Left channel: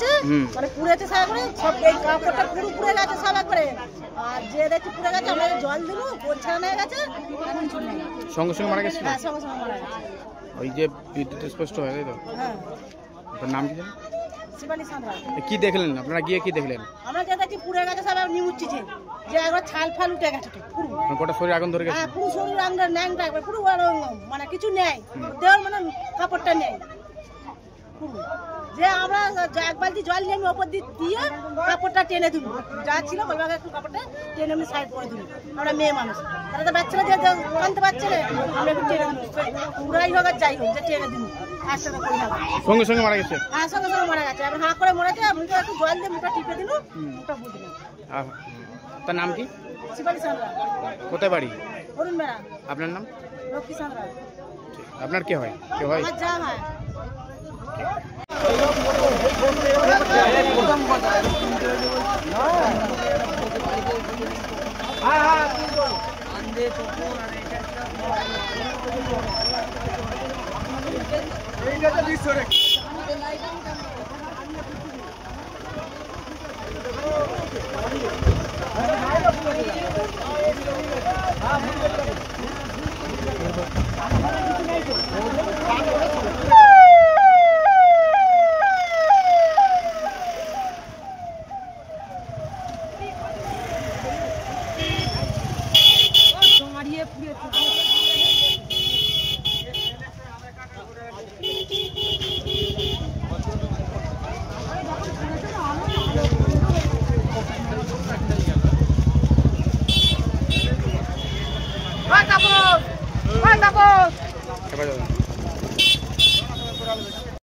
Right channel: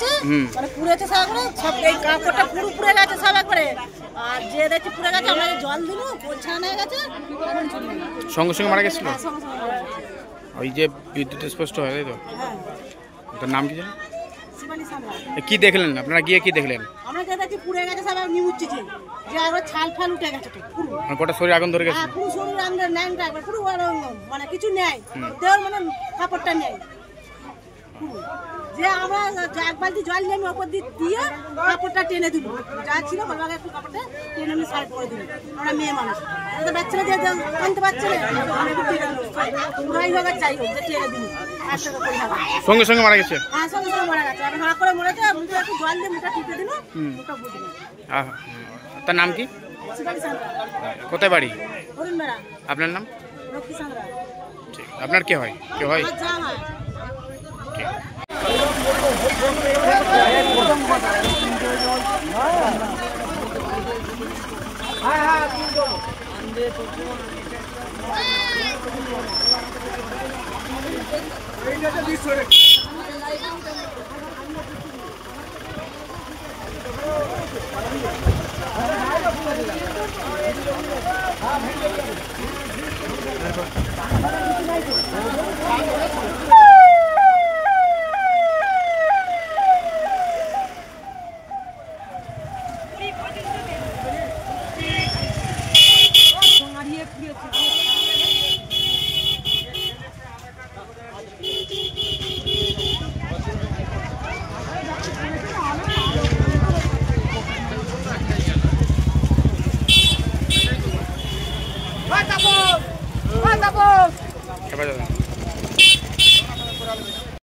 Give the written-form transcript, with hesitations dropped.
পুড়েছে, মানে পুড়েছে সব করে সব এই কাপড়টা পুরো পুড়ে গেছে সব একবারে। আর যে দেখছি পুড়ে গেছে আমরা জল দিল গোছানো হয়ে গেছে, সঙ্গে সঙ্গে মারা গেছিল। সঙ্গে সঙ্গে মারা গেছে। ওই যে বিদ্যুৎ স্পষ্ট হয় তাই তো। হ্যাঁ, তার নাম কি জানেন? শিবানী সাঁতরা। কি দেখলেন আপনারা গিয়ে, কি দেখলেন? আমরা যে দেখছি পুড়ে গেছে সব নিমুচ্ছি যে একবার ছাল ফাল উঠে গেছে তো পুরো, গোটা শরীর আগুন ধরে গেছে। হ্যাঁ পুরো শরীর আগুন ন্যাংটা একবার পুরো মানে কিছু নেই দেওয়ার মানে কাপড়টা নেই পুরো। যে আমরা এক বালতি জল নিয়ে আমি ওপর দিয়ে কাপড়টা টেনে দিল, যা ছিল বলবাকে একটু কাপড়টা টেনে আমি সাইড করে দিল। আমরা মেয়ে মানুষ আমাদের বাচ্চারা যে জানতে পারছে না, আমরা একটু টেনে দিল, পুরাই হোক আর যাই হোক যে টেনে দিল। সঙ্গে সঙ্গে মারা গেছে। হ্যাঁ সঙ্গে সঙ্গে মারা গেছে। এখন হাঁ করে মরেছে, মুখে একটু জল দিয়ে মুখটা টিপে দিল, মুখটা বুঝল। তার নাম কি? শিবানী সাঁতরা। কোথায় বাড়ি? অরুণ বেড়া। আপনার নাম? লক্ষ্মী সাঁতরা। ঠিক। আপনার কে হয়? কে হয়? জামা। ঠিক। এই